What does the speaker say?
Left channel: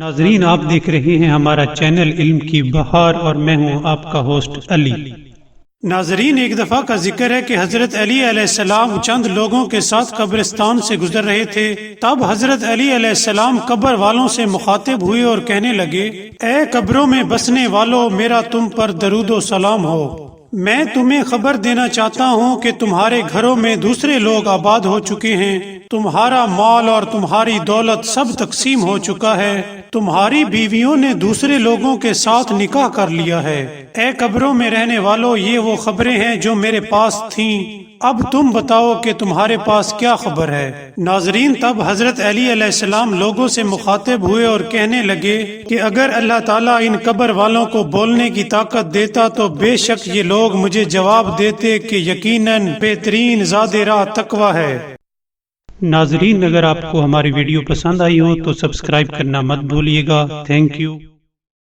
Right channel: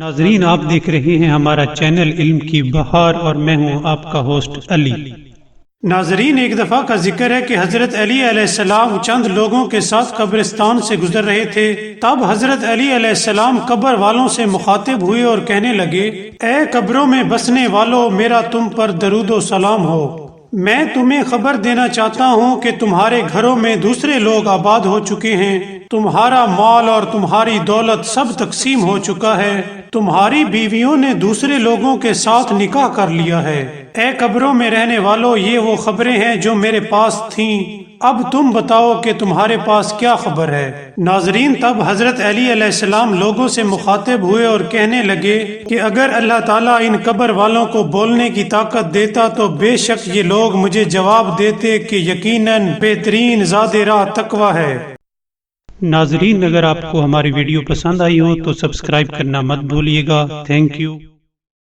ناظرین، آپ دیکھ رہے ہیں ہمارا چینل علم کی بہار اور میں ہوں آپ کا ہوسٹ علی۔ ناظرین، ایک دفعہ کا ذکر ہے کہ حضرت علی علیہ السلام چند لوگوں کے ساتھ قبرستان سے گزر رہے تھے۔ تب حضرت علی علیہ السلام قبر والوں سے مخاطب ہوئے اور کہنے لگے، اے قبروں میں بسنے والوں، میرا تم پر درود و سلام ہو۔ میں تمہیں خبر دینا چاہتا ہوں کہ تمہارے گھروں میں دوسرے لوگ آباد ہو چکے ہیں، تمہارا مال اور تمہاری دولت سب تقسیم ہو چکا ہے، تمہاری بیویوں نے دوسرے لوگوں کے ساتھ نکاح کر لیا ہے۔ اے قبروں میں رہنے والوں، یہ وہ خبریں ہیں جو میرے پاس تھیں، اب تم بتاؤ کہ تمہارے پاس کیا خبر ہے۔ ناظرین، تب حضرت علی علیہ السلام لوگوں سے مخاطب ہوئے اور کہنے لگے کہ اگر اللہ تعالیٰ ان قبر والوں کو بولنے کی طاقت دیتا تو بے شک یہ لوگ مجھے جواب دیتے کہ یقیناً بہترین زاد راہ تقویٰ ہے۔ ناظرین، اگر آپ کو ہماری ویڈیو پسند آئی ہو تو سبسکرائب کرنا مت بھولیے گا۔ Thank you.